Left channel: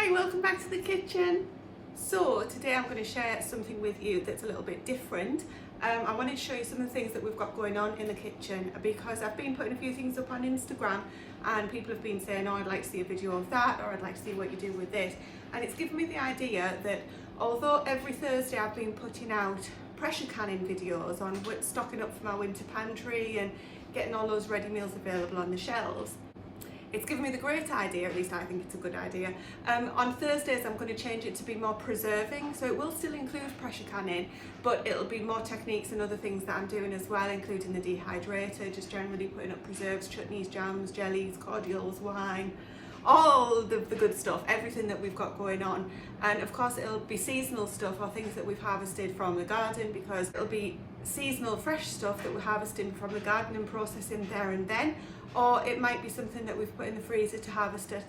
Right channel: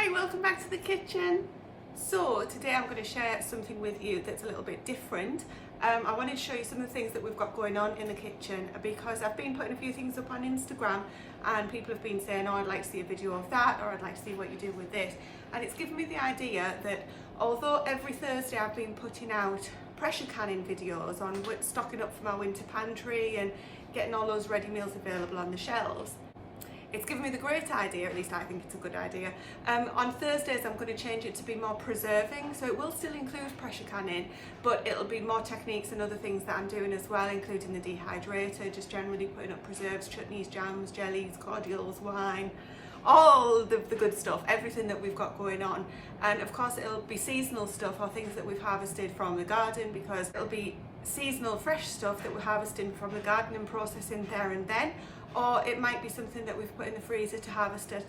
Hi, welcome back to the kitchen. So today I'm going to share something with you that's a little bit different. I wanted to show you some of the things that we've got going on in the kitchen because I've been putting a few things up on Instagram and people have been saying, oh, I'd like to see a video of that, or I'd like to see what you do with this. And it's given me the idea that although every Thursday I've been putting out pressure canning videos on stocking up for my winter pantry and getting all those ready meals available on the shelves, it's given me the great idea, at least I think it's a good idea. On Thursdays I'm going to change it to be more preserving, so it will still include pressure canning, but it'll be more techniques and other things that I'm doing as well, including the dehydrator, just generally putting up preserves, chutneys, jams, jellies, cordials, wine, all the good stuff, everything that we've got going on. And of course it'll be seasonal stuff or things that we've harvested from the garden, because it'll be seasonal fresh stuff that we're harvesting from the garden and processing there and then, or it might be something that we've put in the freezer to harvest it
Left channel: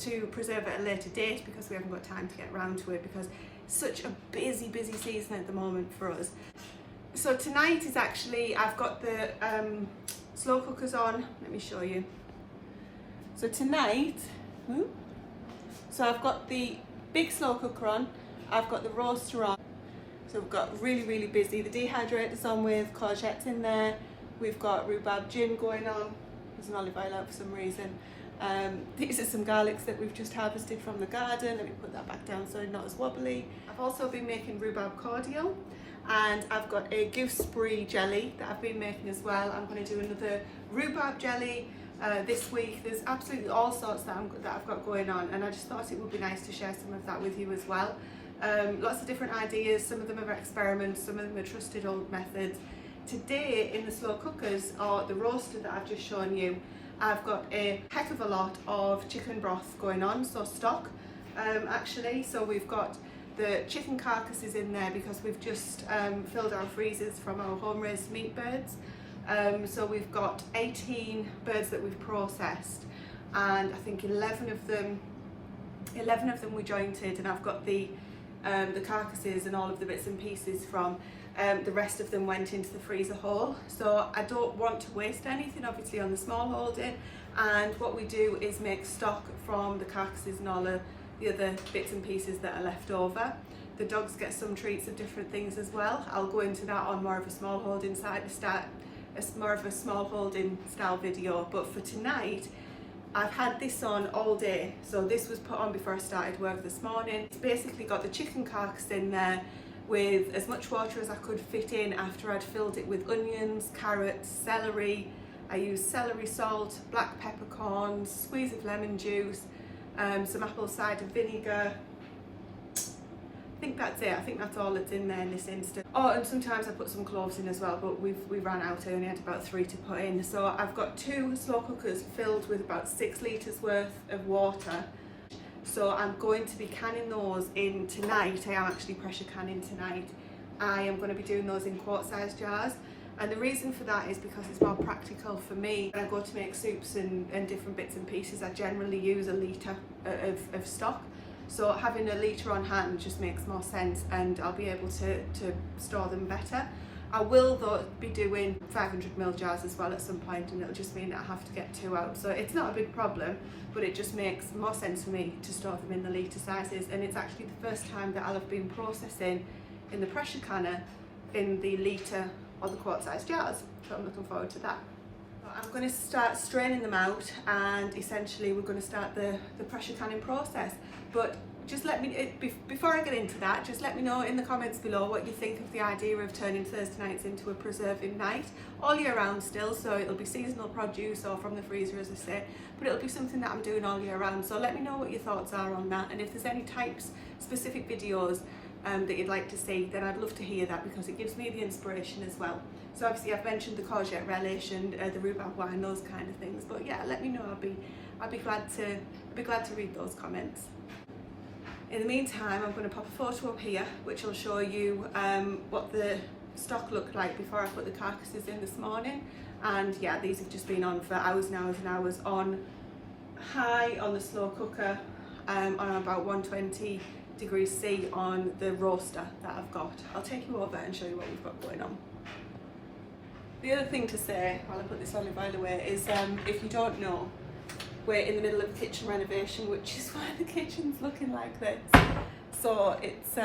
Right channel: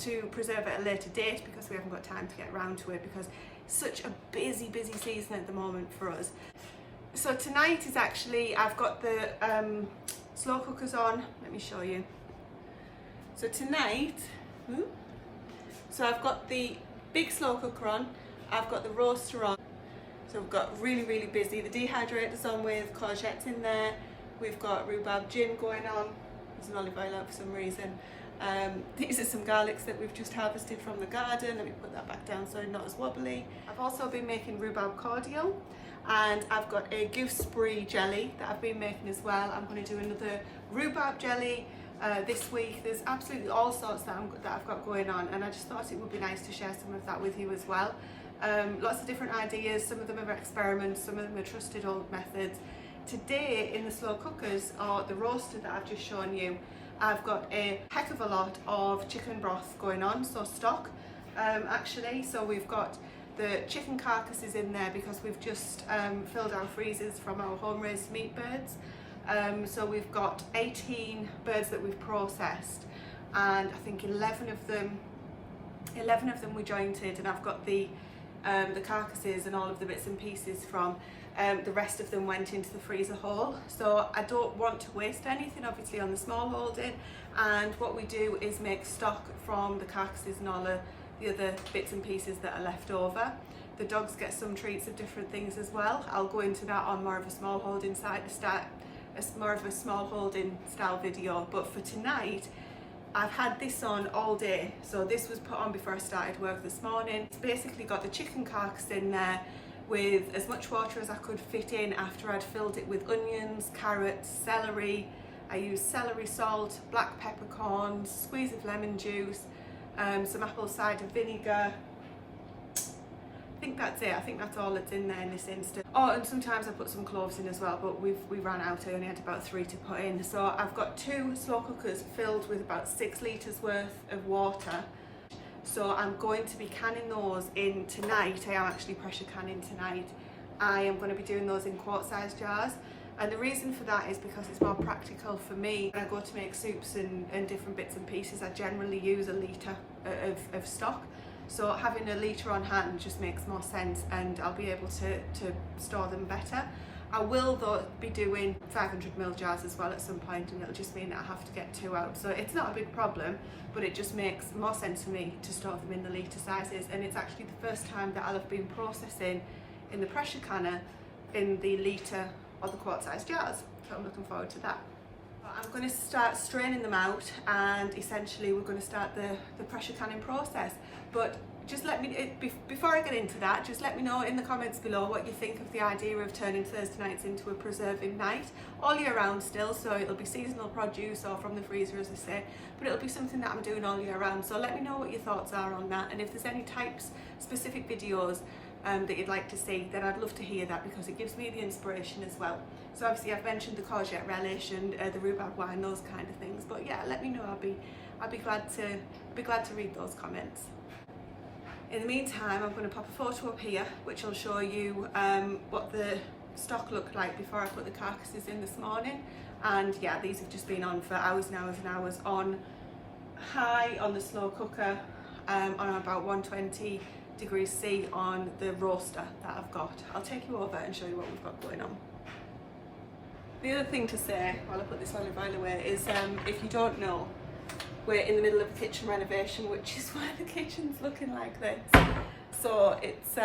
to preserve at a later date, because we haven't got time to get around to it because it's such a busy season at the moment for us. So tonight is actually, I've got the slow cookers on. Let me show you. So tonight, so I've got the big slow cooker on, I've got the roaster on, so we've got really busy. The dehydrator's on with courgettes in there, we've got rhubarb gin going on, there's an olive oil out for some reason. These are some garlics that we've just harvested from the garden. Let me put that back down so it's not as wobbly. I've also been making rhubarb cordial, and I've got a gooseberry jelly that I've been making as well. I'm going to do another rhubarb jelly this week. There's absolutely all sorts that I've got going on, and I just thought it would be nice to share some of that with you as well. Lots of different ideas, some of them are experiments, some of them are trusted old methods. Today in the slow cookers, or the roaster that I've just shown you, I've got a heck of a lot of chicken broth going on, so stock actually. So we've got the chicken carcasses in there because we've just filled our freezers from our home raised meat birds. So we've got 18 birds that we've processed, and I think 11 of them we jointed, and I've got the carcasses and all of the bits and pieces from the rest of them went into the freezer hole. So I don't want to waste anything obviously on the small holding, and what we do is make stock from the carcasses and all the other bits and pieces that are left over. The dogs get some treats of different things as well. I'll go into that on more of a small holding small holding style video, but for tonight I've had this on all day. So this was put on before I started work this morning. It's basically got the chicken carcass in there with as much water as I could fit in after I'd filled it with onions, carrots, celery. I used celery salt, black peppercorns, squeeze of lemon juice, some apple cider vinegar. I think that's it. I think that's all that's in there in this instance. Oh, and sometimes I put some cloves in as well, but we ran out. I only had about 3 to put in. So I've got 2 slow cookers filled with about 6 litres worth of water. So I'm going to be canning those in tonight. I am actually pressure canning tonight. I am going to be doing those in quart-sized jars. And the reason for that is because it's more practical for me. When I go to make soups and different bits and pieces, I generally use a litre of stock. So having a litre on hand just makes more sense, and I'll be able to store them better. I will though be doing 500ml jars as well at some point, and it'll just mean that I have to get 2 out. So it's not a big problem, but it just makes more sense for me to store them in the litre sizes. And it's actually the first time that I'll have been processing in the pressure canner in the litre or the quart-sized jars. So I'm looking forward to that. I'm going to start straining them out, and essentially we're going to start the pressure canning process. But just let me, before I get into that, just let me know in the comments below what you think of the idea of turning Thursday nights into a preserving night, all year round still. So it'll be seasonal produce or from the freezer, as I say, but it'll be something that I'm doing all year round. So let me know what your thoughts are on that, and if there's any specific videos that you'd like to see, then I'd love to hear that, because it gives me the inspiration as well. So obviously I've mentioned the courgette relish and the rhubarb wine, those kind of things. But yeah, let me know. I'd be glad to read those comments. In the meantime, I'm going to pop a photo up here which will show you what the stock looked like before I put the carcasses in this morning. And yeah, these have just been on for hours and hours and hours on high on the slow cooker, on about 120 degrees C on the roaster that I've got. I'll take you over and show you what we've got going on. The other thing to say while I put this olive oil away is if you don't know, we're in the middle of a kitchen renovation, which is why the kitchen's looking like this. So it's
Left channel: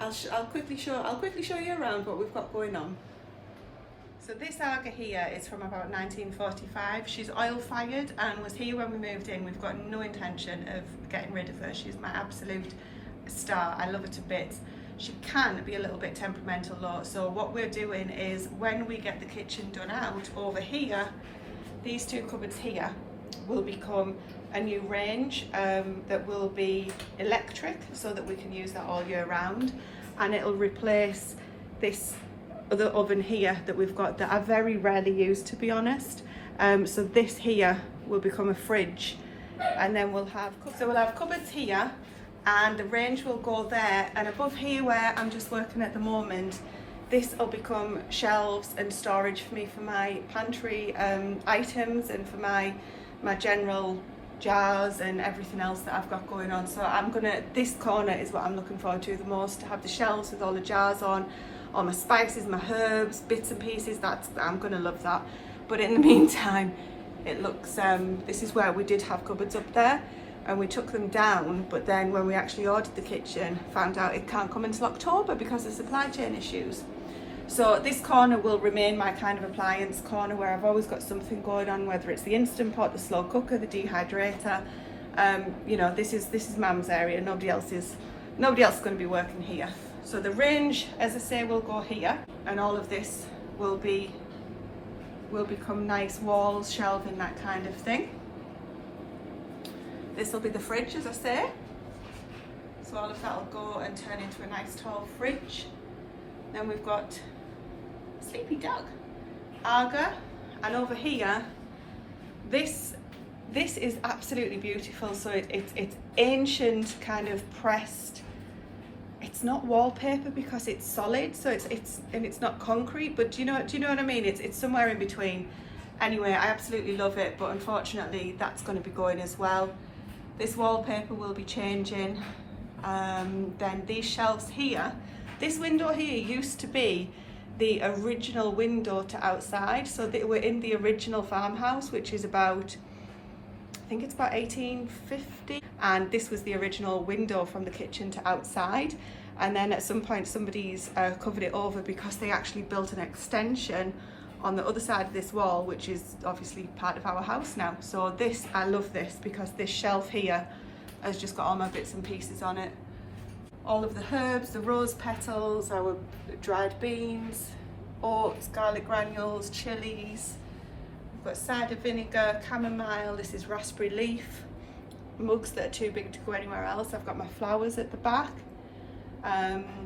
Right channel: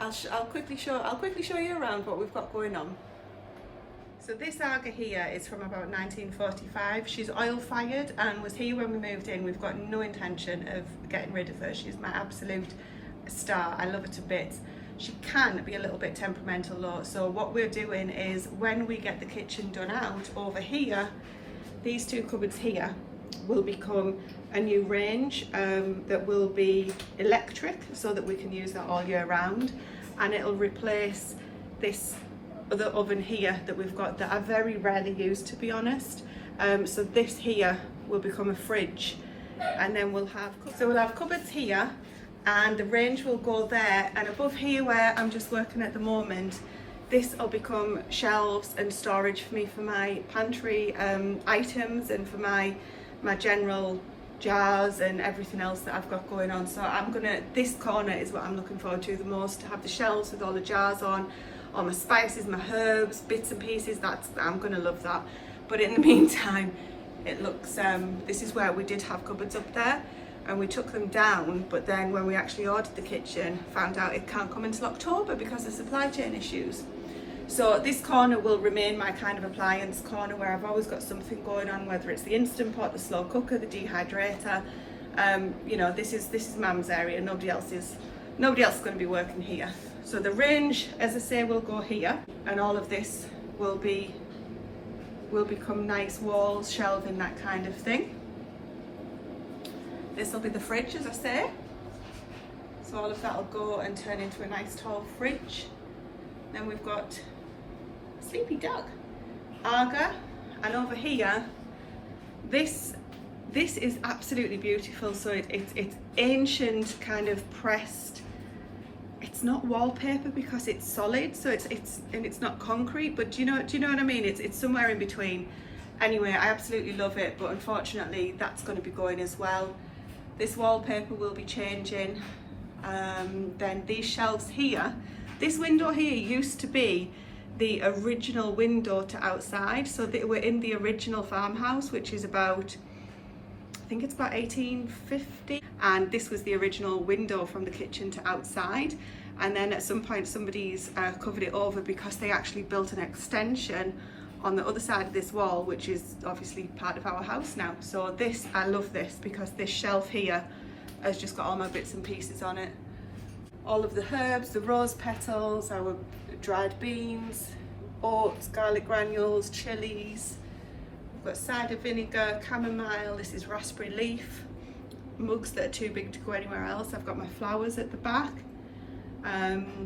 I'll quickly show you around what we've got going on. So this Aga here is from about 1945. She's oil fired and was here when we moved in. We've got no intention of getting rid of her. She's my absolute star. I love her to bits. She can be a little bit temperamental though. So what we're doing is when we get the kitchen done out over here, these two cupboards here will become a new range that will be electric so that we can use that all year round, and it'll replace this other oven here that we've got that I very rarely use, to be honest. So this here will become a fridge, and then we'll have cupboards here, and the range will go there, and above here where I'm just working at the moment, this will become shelves and storage for me for my pantry items and for my general jars and everything else that I've got going on. So this corner is what I'm looking forward to the most, to have the shelves with all the jars on, all my spices, my herbs, bits and pieces. I'm gonna love that. But in the meantime, it looks, this is where we did have cupboards up there, and we took them down, but then when we actually ordered the kitchen, found out it can't come until October because of supply chain issues. So this corner will remain my kind of appliance corner where I've always got something going on, whether it's the Instant Pot, the slow cooker, the dehydrator. You know, this is Mum's area. Nobody else is going to be working here. So the range, as I say, will go here, and all of this will become nice walls, shelving, that kind of thing. This will be the fridge, as I say. So all of that will go and turn into a nice tall fridge. Then we've got Sleepy Dog, Aga, and over here, this is absolutely beautiful. So it's ancient, kind of pressed. It's not wallpaper because it's solid, so it's not concrete. But do you know what I mean? It's somewhere in between. Anyway, I absolutely love it, but unfortunately, that's going to be going as well. This wallpaper will be changing. Then these shelves here. This window here used to be the original window to outside. So we're in the original farmhouse, which is about, I think it's about 1850. And this was the original window from the kitchen to outside. And then at some point somebody's covered it over because they actually built an extension on the other side of this wall, which is obviously part of our house now. So I love this because this shelf here has just got all my bits and pieces on it. All of the herbs, the rose petals, our dried beans, oats, garlic granules, chilies. We've got cider vinegar, chamomile, this is raspberry leaf, mugs that are too big to go anywhere else. I've got my flowers at the back.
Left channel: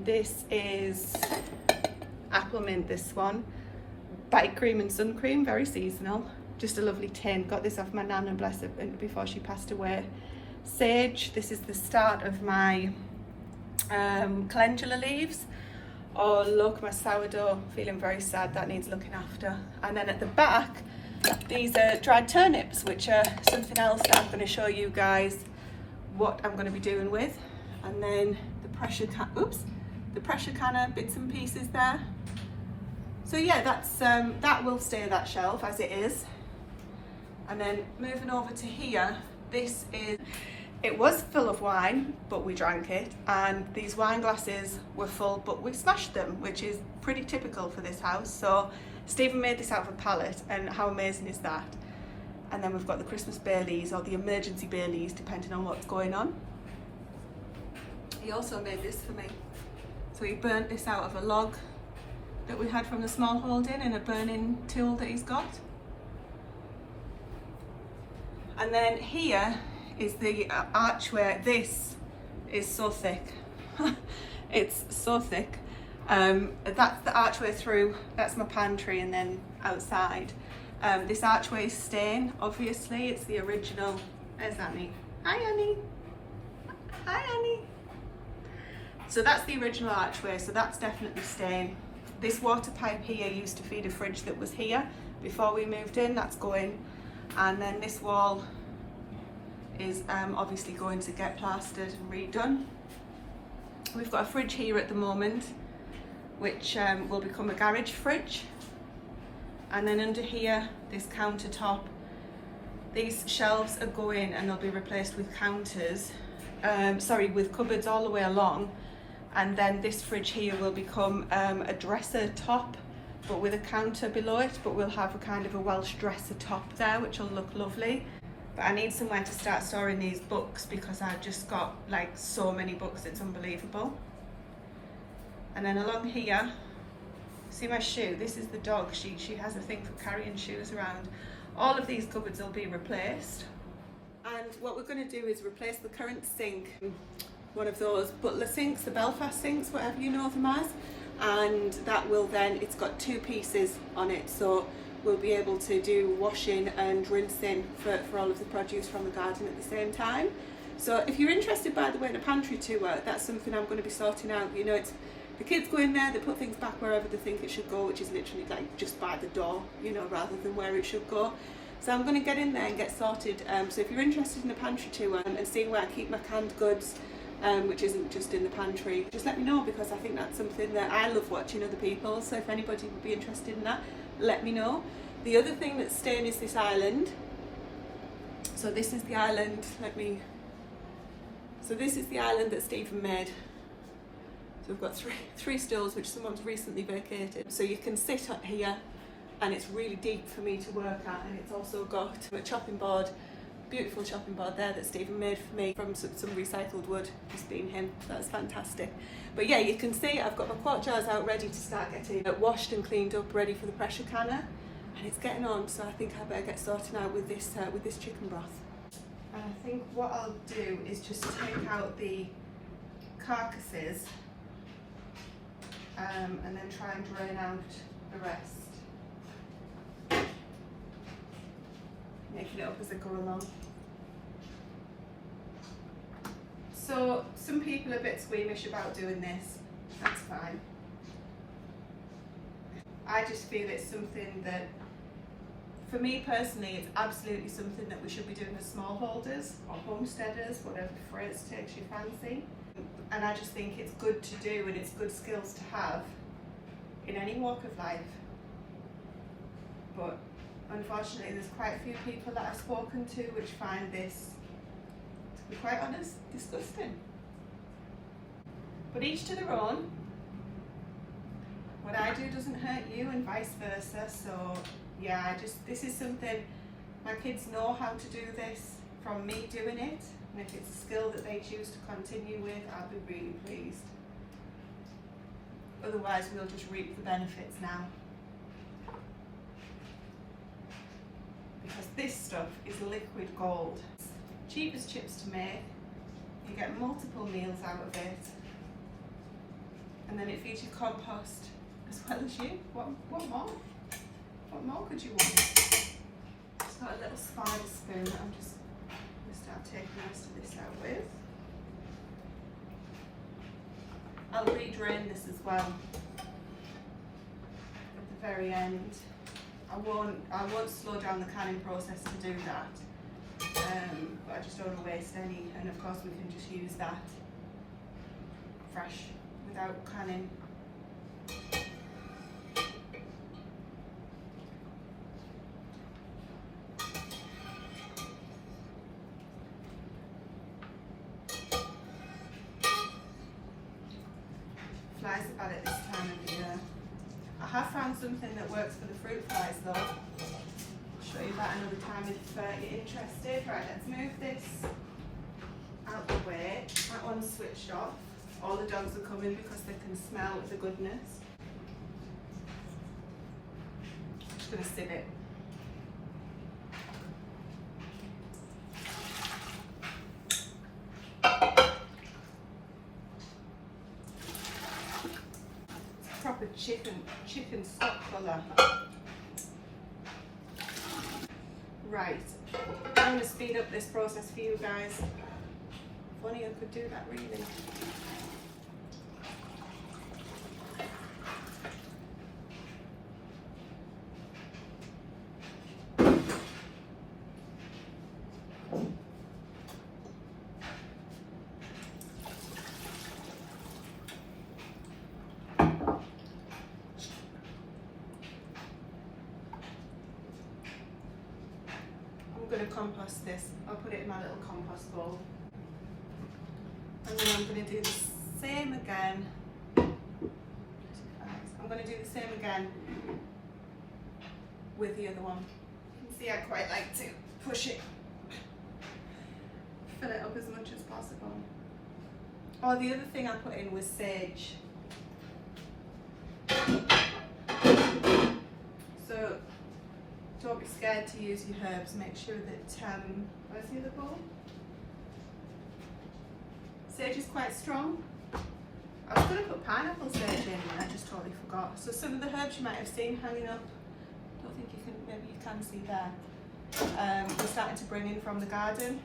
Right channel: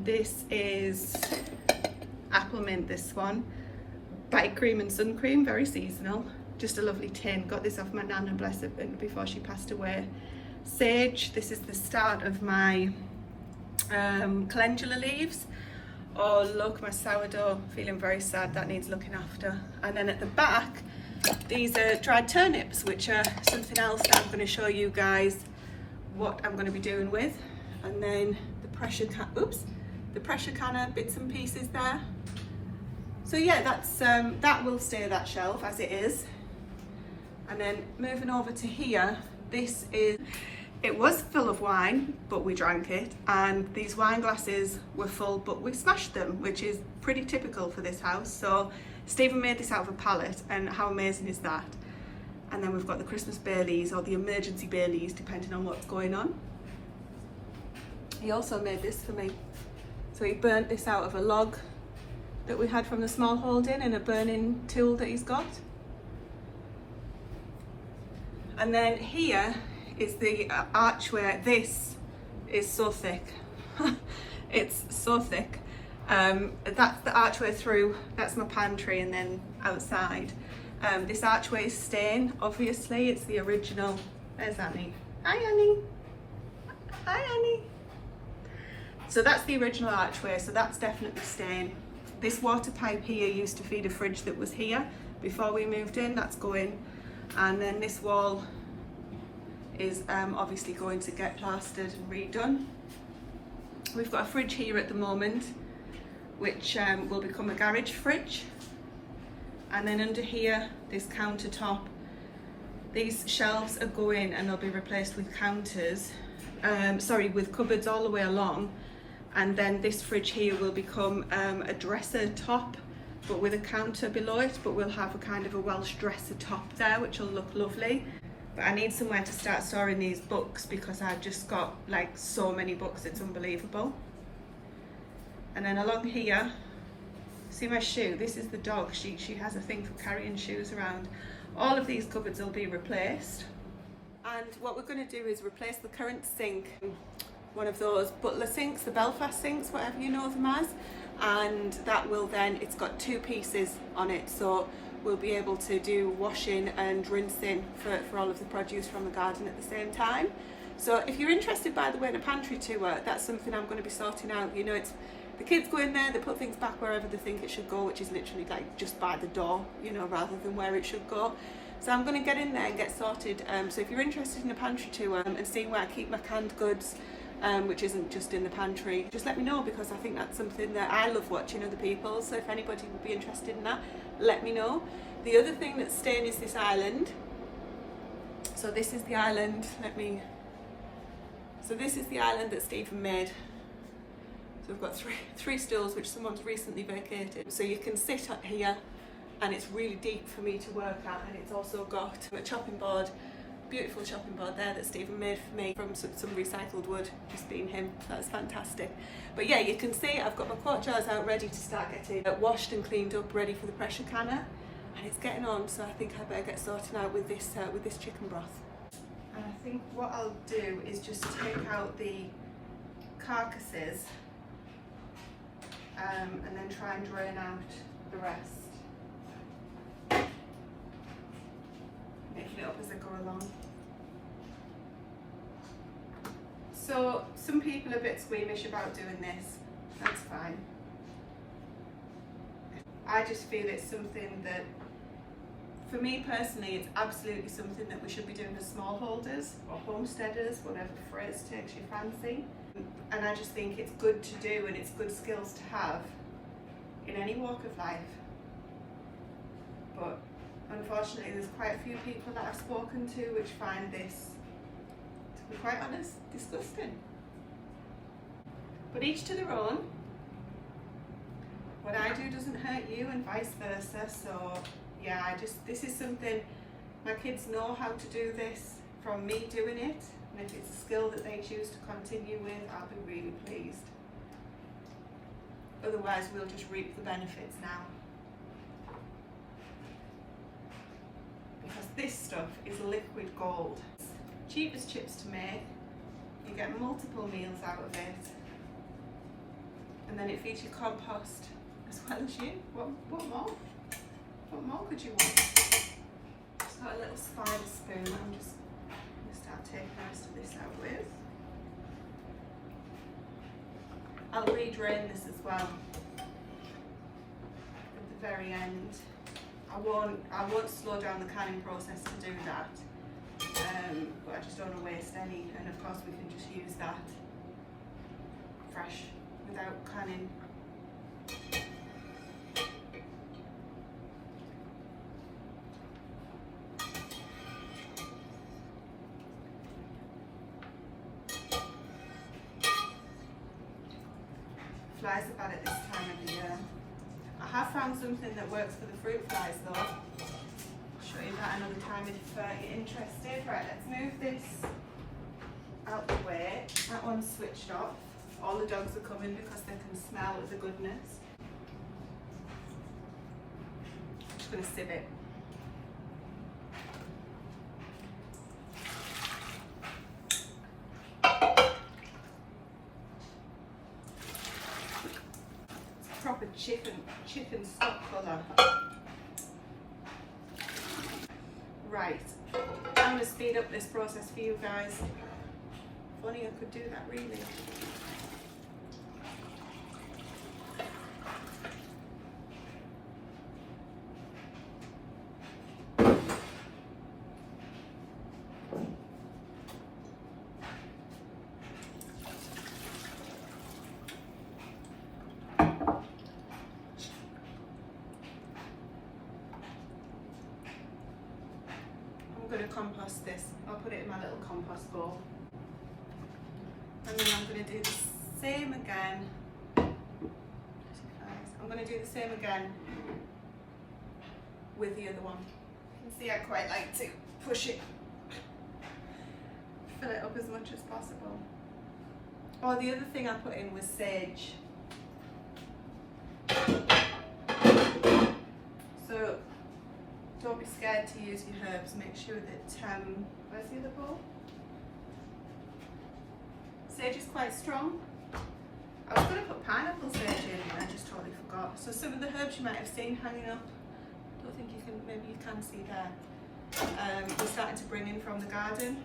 This is apple mint, this one. Bite cream and sun cream, very seasonal. Just a lovely tin. Got this off my nana, bless her, before she passed away. Sage, this is the start of my calendula leaves. Oh look, my sourdough, feeling very sad, that needs looking after. And then at the back, these are dried turnips, which are something else that I'm going to show you guys what I'm going to be doing with. And then the pressure canner bits and pieces there. So yeah, that will stay that shelf as it is. And then moving over to here, it was full of wine, but we drank it, and these wine glasses were full, but we smashed them, which is pretty typical for this house. So Stephen made this out of a pallet, and how amazing is that? And then we've got the Christmas Baileys, or the emergency Baileys, depending on what's going on. He also made this for me. So he burnt this out of a log that we had from the Smallholding and a burning tool that he's got. And then here is the archway. This is so thick. It's so thick. That's the archway through, that's my pantry, and then outside. This archway is staying, obviously. It's the original. There's Annie. Hi Annie. Hi Annie. So that's the original archway, so that's definitely staying. This water pipe here used to feed a fridge that was here before we moved in. That's going. And then this wall is obviously going to get plastered and redone. We've got a fridge here at the moment, which will become a garage fridge. And then under here, this countertop These shelves are going and they'll be replaced with counters, with cupboards all the way along, and then this fridge here will become a dresser top, but with a counter below it, but we'll have a kind of a Welsh dresser top there, which will look lovely. But I need somewhere to start storing these books because I've just got like so many books, it's unbelievable. And then along here, see my shoe? This is the dog. She has a thing for carrying shoes around. All of these cupboards will be replaced. And what we're going to do is replace the current sink, one of those butler sinks, the Belfast sinks, whatever you know them as. And that will then, it's got two pieces on it, so we'll be able to do washing and rinsing for all of the produce from the garden at the same time. So if you're interested, by the way, in a pantry tour, that's something I'm going to be sorting out. You know, it's the kids go in there, they put things back wherever they think it should go, which is literally like just by the door, you know, rather than where it should go. So I'm going to get in there and get sorted. So if you're interested in a pantry tour and seeing where I keep my canned goods, which isn't just in the pantry, just let me know, because I think that's something that I love watching other people. So if anybody would be interested in that, let me know. The other thing that's staying is this island. So this is the island, so this is the island that Stephen made. So we've got three stools which someone's recently vacated. So you can sit here and it's really deep for me to work at, and it's also got a chopping board, beautiful chopping board there that Stephen made for me from some recycled wood, just being him. So that's fantastic. But yeah, you can see I've got my quart jars out ready to start getting washed and cleaned up, ready for the pressure canner. And it's getting on, so I think I better get sorted out with this chicken broth. And I think what I'll do is just take out the carcasses and then try and drain out the rest. Making it up as I go along. So some people are a bit squeamish about doing this. That's fine. I just feel it's something that, for me personally, it's absolutely something that we should be doing as smallholders or homesteaders, whatever phrase takes your fancy. And I just think it's good to do, and it's good skills to have in any walk of life. But unfortunately, there's quite a few people that I've spoken to which find this, to be quite honest, disgusting. But each to their own. What I do doesn't hurt you, and vice versa. So yeah, this is something, my kids know how to do this from me doing it, and if it's a skill that they choose to continue with, I'll be really pleased. Otherwise, we'll just reap the benefits now. Because this stuff is liquid gold. Cheap as chips to make, you get multiple meals out of it, and then it feeds you compost as well as you. What more? What more could you want? Just got a little spider spoon that I'm just going to start taking the rest of this out with. I'll re-drain this as well at the very end. I won't slow down the canning process to do that, but I just don't want to waste any, and of course we can just use that fresh without canning. Flies are bad at this time of the year. I have found something that works for the fruit flies though. I'll show you that another time if you're interested. Right, let's move this out the way. That one's switched off. All the dogs are coming because they can smell the goodness. I'm just going to sieve it. Proper chicken stock colour. Right, I'm going to speed up this process for you guys. Funny I could do that really. I'm going to compost this. I'll put it in my little compost bowl. And then I'm going to do the same again. I'm going to do the same again with the other one. You can see I quite like to push it, fill it up as much as possible. Oh, the other thing I put in was sage. So don't be scared to use your herbs. Make sure that, where's the other bowl? Sage is quite strong. I was going to put pineapple sage in and I just totally forgot. So some of the herbs you might have seen hanging up, I don't think you can, maybe you can see there. We're starting to bring in from the garden.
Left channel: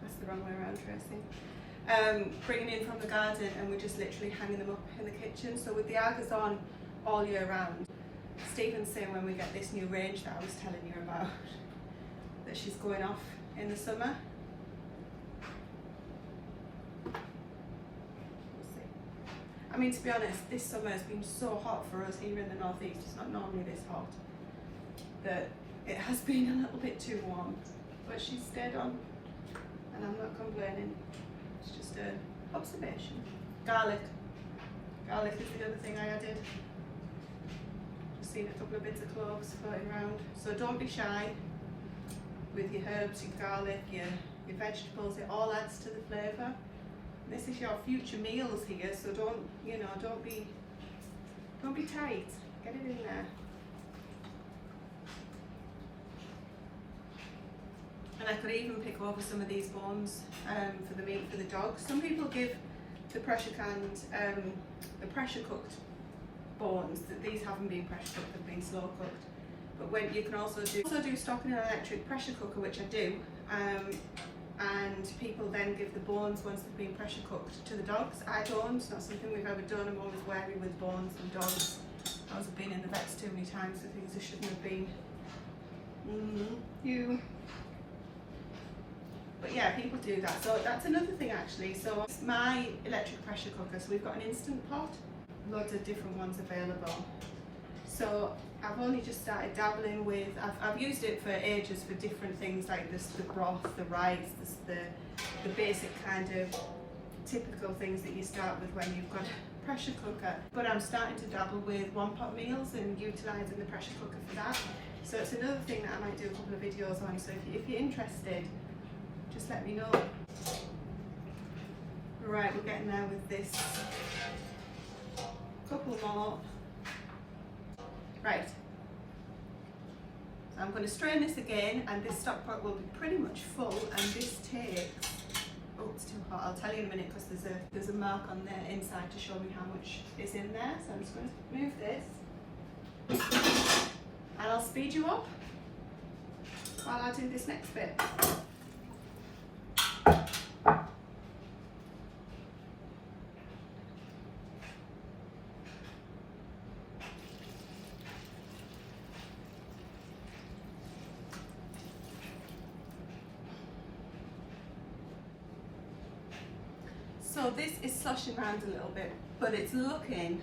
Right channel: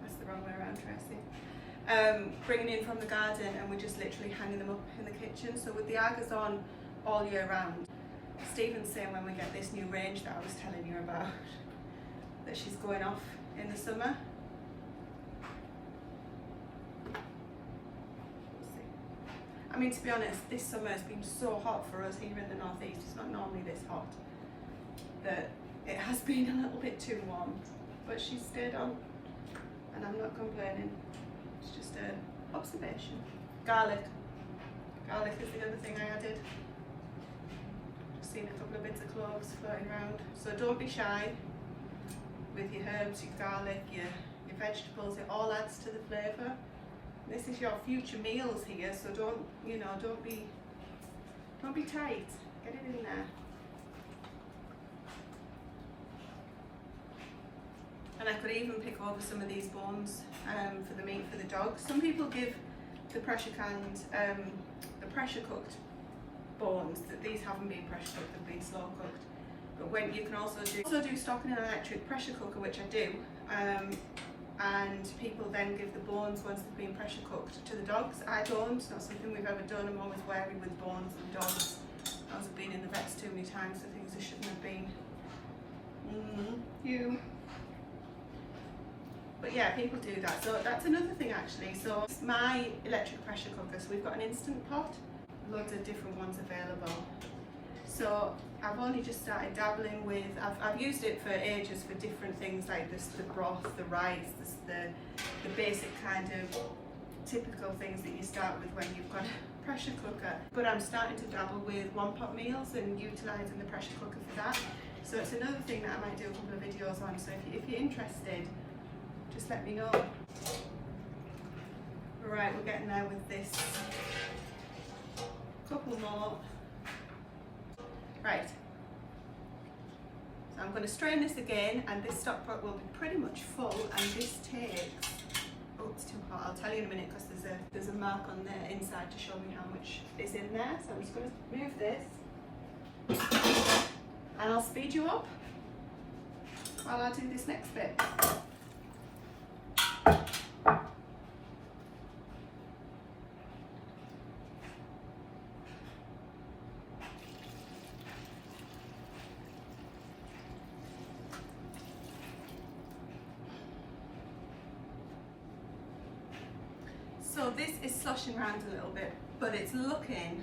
That's the wrong way around, Tracy. Bringing in from the garden, and we're just literally hanging them up in the kitchen. So with the Argas on all year round, Stephen's saying when we get this new range that I was telling you about, that she's going off in the summer. I mean, to be honest, this summer has been so hot for us here in the northeast. It's not normally this hot. That it has been a little bit too warm, but she's stayed on, and I'm not complaining. It's just an observation. Garlic. Garlic is the other thing I added. Just seen a couple of bits of cloves floating around. So don't be shy with your herbs, your garlic, your vegetables. It all adds to the flavour. This is your future meals here, so don't be tight. Get it in there. And I could even pick over some of these bones for the meat for the dogs. Some people give the pressure canned, the pressure cooked bones. That these haven't been pressure cooked; they've been slow cooked. But when you can also do stock in an electric pressure cooker, which I do. And people then give the bones once they've been pressure cooked to the dogs. I don't, it's not something we've ever done. I'm always wary with bones and dogs. I've been in the vets too many times for things I shouldn't have been. But yeah, people do that. So that's another thing actually. So it's my electric pressure cooker. So we've got an instant pot, loads of different ones available. So I've only just started dabbling with, I've used it for ages for different things like this, the broth, the rice, the basic kind of typical things that you start with when you've got a pressure cooker. But I'm starting to dabble with one pot meals and utilising the pressure cooker for that. So it's another thing that I might do a couple of videos on. So if you're interested, just let me know. Right, we're getting there with this. Couple more. Right, so I'm going to strain this again, and this stock pot will be pretty much full, and this takes, oh it's too hot, I'll tell you in a minute because there's a mark on there inside to show me how much is in there. So I'm just going to move this and I'll speed you up while I do this next bit. So this is sloshing around a little bit, but it's looking,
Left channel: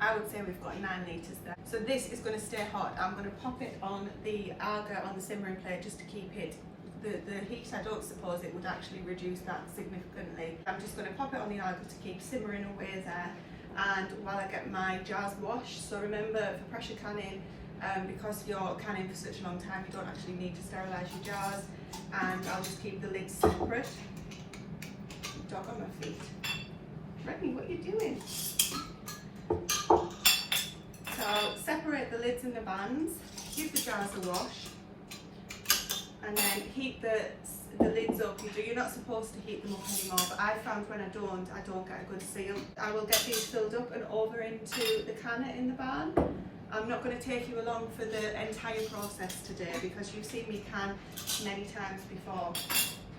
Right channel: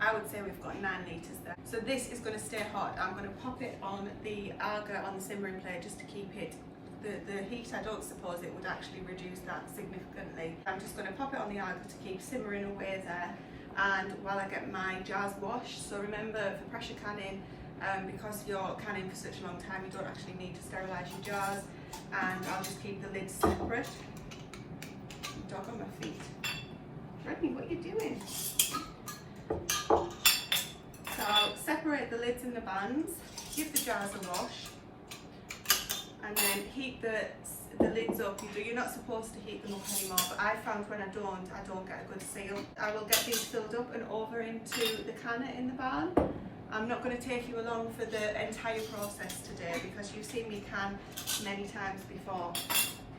I would say we've got 9 litres there. So this is going to stay hot. I'm going to pop it on the Arga on the simmering plate just to keep it, the heat, I don't suppose it would actually reduce that significantly. I'm just going to pop it on the Arga to keep simmering away there, and while I get my jars washed. So remember, for pressure canning, because you're canning for such a long time, you don't actually need to sterilise your jars, and I'll just keep the lids separate. Dog on my feet. Rodney, what are you doing? So I'll separate the lids and the bands, give the jars a wash, and then heat the lids up. You're not supposed to heat them up anymore, but I found when I don't get a good seal. I will get these filled up and over into the canner in the barn. I'm not going to take you along for the entire process today because you've seen me can many times before,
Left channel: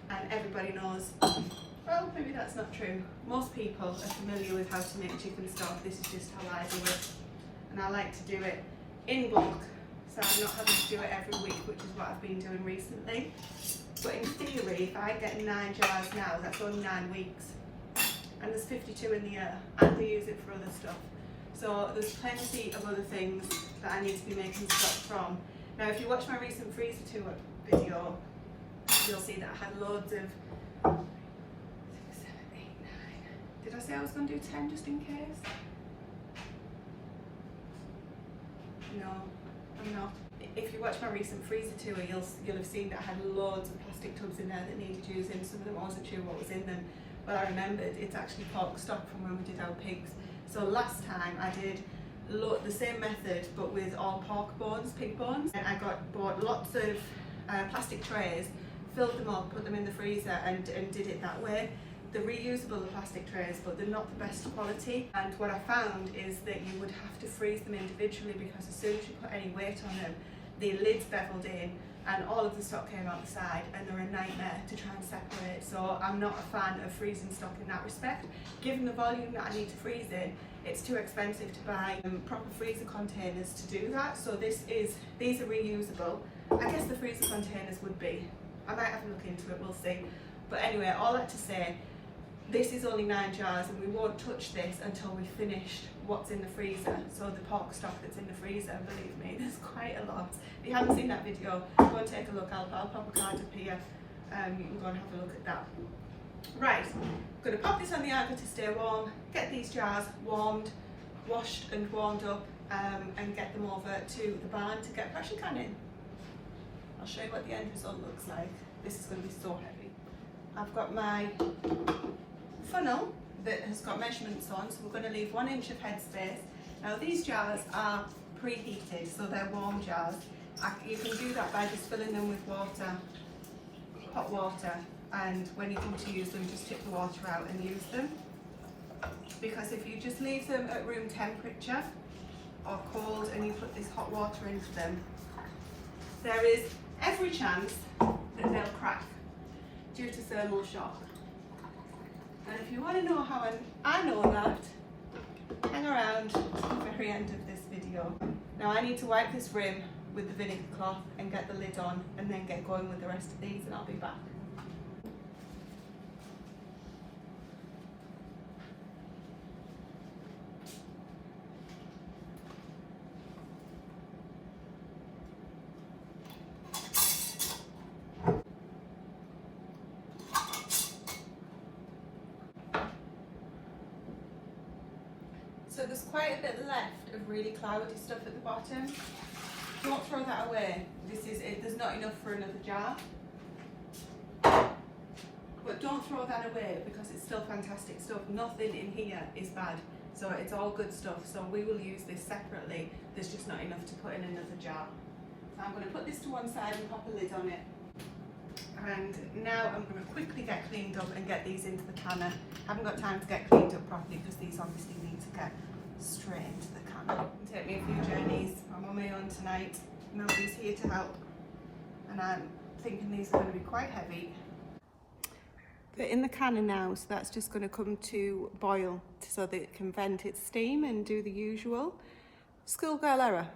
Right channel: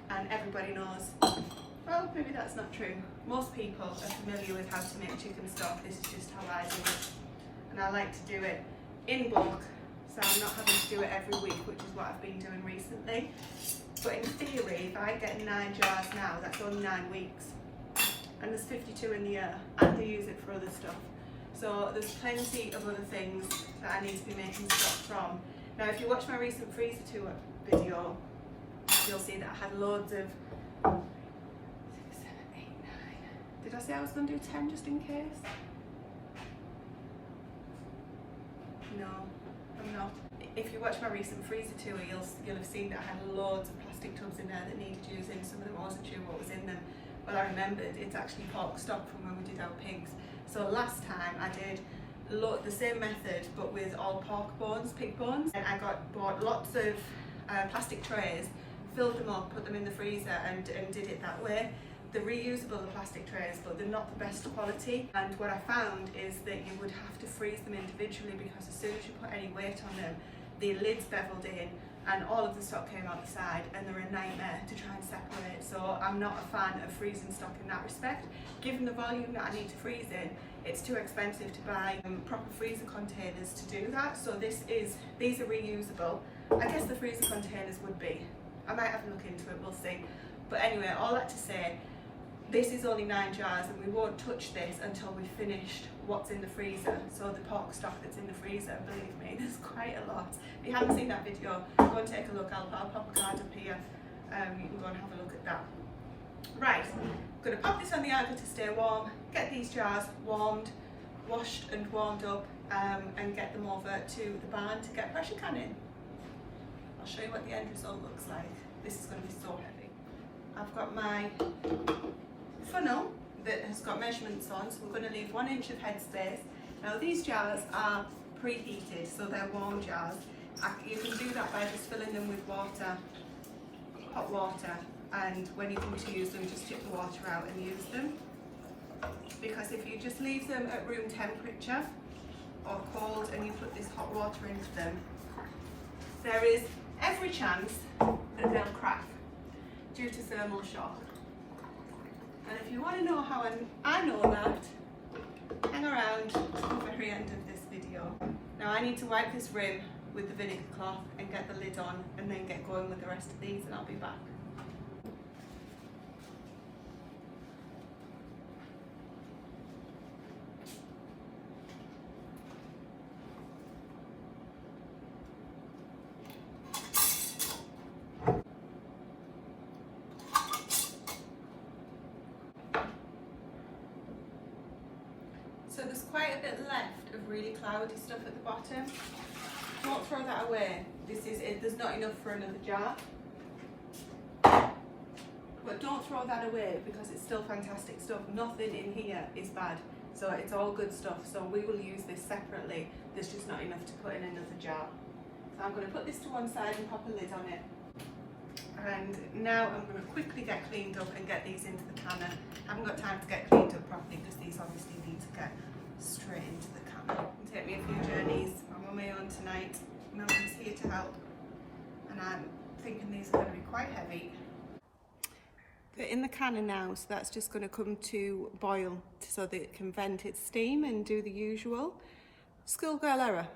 and everybody knows. Well, maybe that's not true. Most people are familiar with how to make chicken stock. This is just how I do it. And I like to do it in bulk, so I'm not having to do it every week, which is what I've been doing recently. But in theory, if I get 9 jars now, that's only 9 weeks. And there's 52 in the year, and I use it for other stuff. So there's plenty of other things that I need to be making stock from. Now if you watch my recent freezer tour video, you'll see that I had loads of 6, 7, 8, 9. Did I say I was going to do 10 just in case? No, I'm not. If you watch my recent freezer tour, you'll have seen that I had loads of plastic tubs in there that needed using. Some of them I wasn't sure what was in them. Well, I remembered it's actually pork stock from when we did our pigs. So last time I did the same method but with all pork bones, pig bones. And I bought lots of plastic trays, filled them up, put them in the freezer and did it that way. They're reusable, the plastic trays, but they're not the best quality. And what I found is that you would have to freeze them individually because as soon as you put any weight on them, the lid's beveled in and all of the stock came out the side and they're a nightmare to try and separate. So I'm not a fan of freezing stock in that respect. Given the volume that I need to freeze in, it's too expensive to buy proper freezer containers to do that. So these are reusable. I guess the freezer containers would be. I might have a look into it, we'll see. But anyway, all that to say, this is only 9 jars and we won't touch this until we've finished what's in the freezer. So the pork stock that's in the freezer, believe me, there's quite a lot. If you haven't seen that video, go and take a look. I'll pop a card up here. You can go and have a look at that. Right, I'm going to pop this on the Aga to stay warm, get these jars warmed, washed and warmed up, and get them over to the barn to get pressure canning. I'll show you what the end result looks like. This is going to be so heavy. I've got my funnel that has got measurements on, so we're going to leave 1 inch of headspace. Now these jars are preheated, so they're warm jars. You can do that by just filling them with water, hot water, and when you come to use them, just tip the water out and use them. Because if you just leave them at room temperature or cold and you put this hot water into them, there is every chance that they'll crack due to thermal shock. And if you want to know how I know that, hang around to the very end of this video. Now I need to wipe this rim with the vinegar cloth and get the lid on and then get going with the rest of these and I'll be back. So there's quite a bit left of really cloudy stuff at the bottom. Don't throw that away. This is it. There's not enough for another jar. But don't throw that away because it's still fantastic stuff. Nothing in here is bad. So it's all good stuff. So we will use this separately. There's just not enough to put in another jar. So I'm going to put this to one side and pop a lid on it. And now I'm going to quickly get cleaned up and get these into the canner. I haven't got time to get cleaned up properly because these obviously need to get straight into the canner. It'll take me a few journeys. I'm on my own tonight. Nobody's here to help. And I'm thinking these are going to be quite heavy. They're in the canner now, so that's just going to come to boil so that it can vent its steam and do the usual. Schoolgirl error.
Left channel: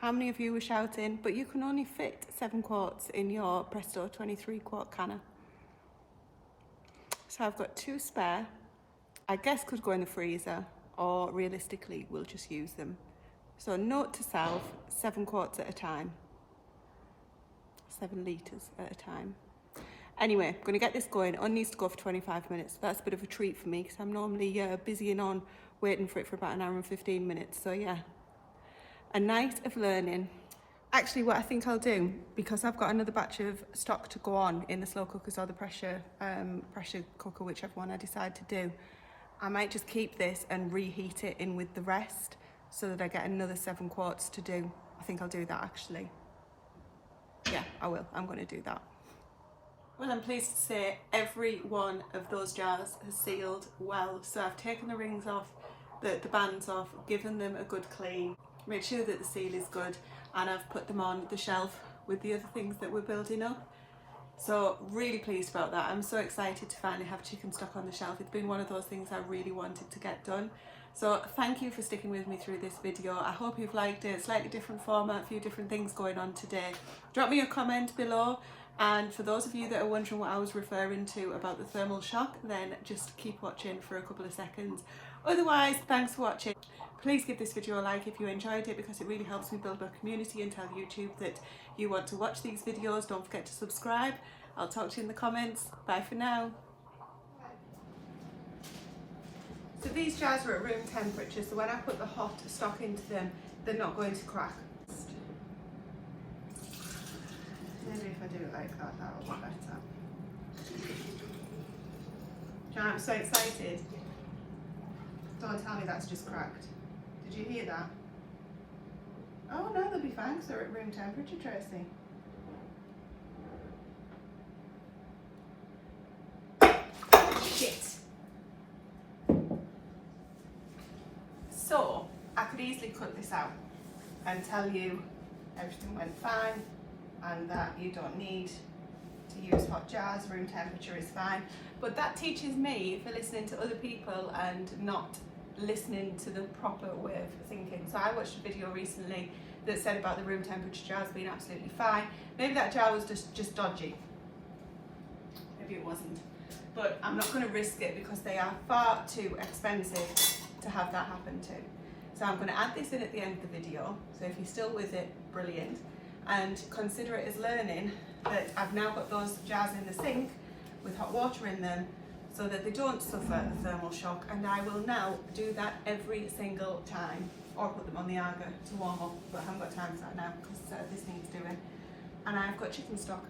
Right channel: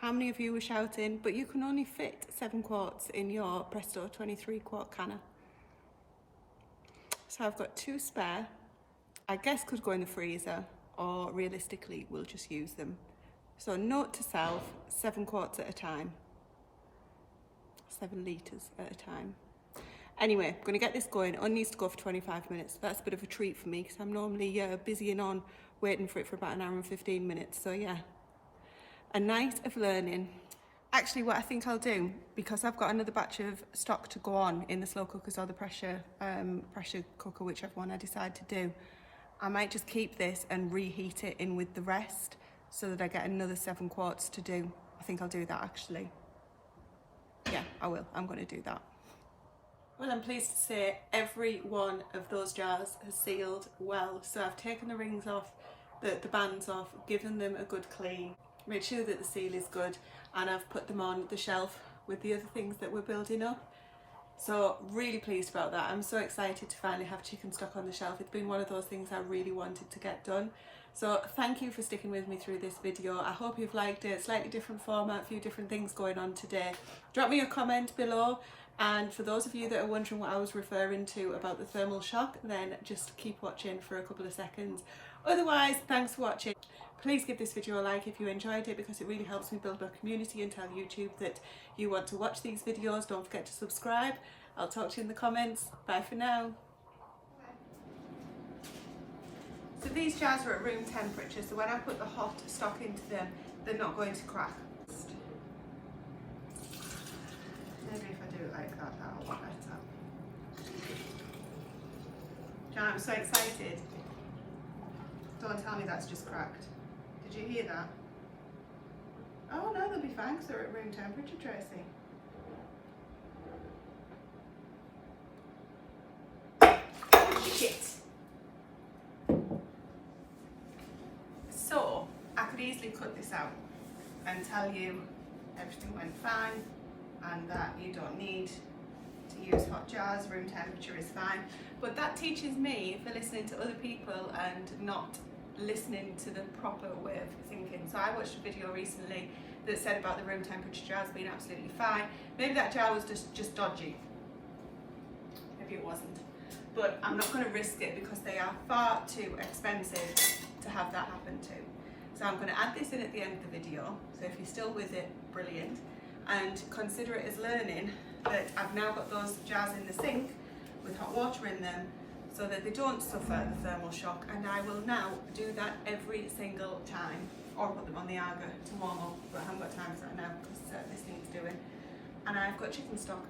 How many of you were shouting, but you can only fit 7 quarts in your Presto 23 quart canner. So I've got 2 spare. I guess could go in the freezer, or realistically we'll just use them. So note to self, 7 quarts at a time. 7 litres at a time. Anyway, I'm going to get this going. It only needs to go for 25 minutes. That's a bit of a treat for me because I'm normally busy and on waiting for it for about 1 hour and 15 minutes. So yeah. A night of learning. Actually, what I think I'll do, because I've got another batch of stock to go on in the slow cookers or the pressure cooker, whichever one I decide to do, I might just keep this and reheat it in with the rest so that I get another 7 quarts to do. I think I'll do that actually. Yeah, I will. I'm going to do that. Well, I'm pleased to say every one of those jars has sealed well. So I've taken the rings off, the bands off, given them a good clean. Make sure that the seal is good, and I've put them on the shelf with the other things that we're building up. So really pleased about that. I'm so excited to finally have chicken stock on the shelf. It's been one of those things I really wanted to get done. So thank you for sticking with me through this video. I hope you've liked it. Slightly different format, a few different things going on today. Drop me a comment below. And for those of you that are wondering what I was referring to about the thermal shock, then just keep watching for a couple of seconds. Otherwise, thanks for watching. Please give this video a like if you enjoyed it, because it really helps me build a community and tell YouTube that you want to watch these videos. Don't forget to subscribe. I'll talk to you in the comments. Bye for now. So these jars are at room temperature, so when I put the hot stock into them, they're not going to crack. Maybe if I do it like that, that'll be better. Jan, I'm so excited. Don't tell me that's just cracked. Did you hear that? Oh no, they'll be fine because they're at room temperature, Tracy. Shit. So, I could easily cut this out and tell you everything went fine and that you don't need to use hot jars, room temperature is fine. But that teaches me for listening to other people and not listening to the proper way of thinking. So I watched a video recently that said about the room temperature jars being absolutely fine. Maybe that jar was just dodgy. Maybe it wasn't. But I'm not going to risk it because they are far too expensive to have that happen to. So I'm going to add this in at the end of the video. So if you're still with it, brilliant. And consider it as learning that I've now got those jars in the sink with hot water in them so that they don't suffer the thermal shock, and I will now do that every single time, or put them on the Aga to warm up, but I haven't got time for that now because this needs doing. And I've got chicken stock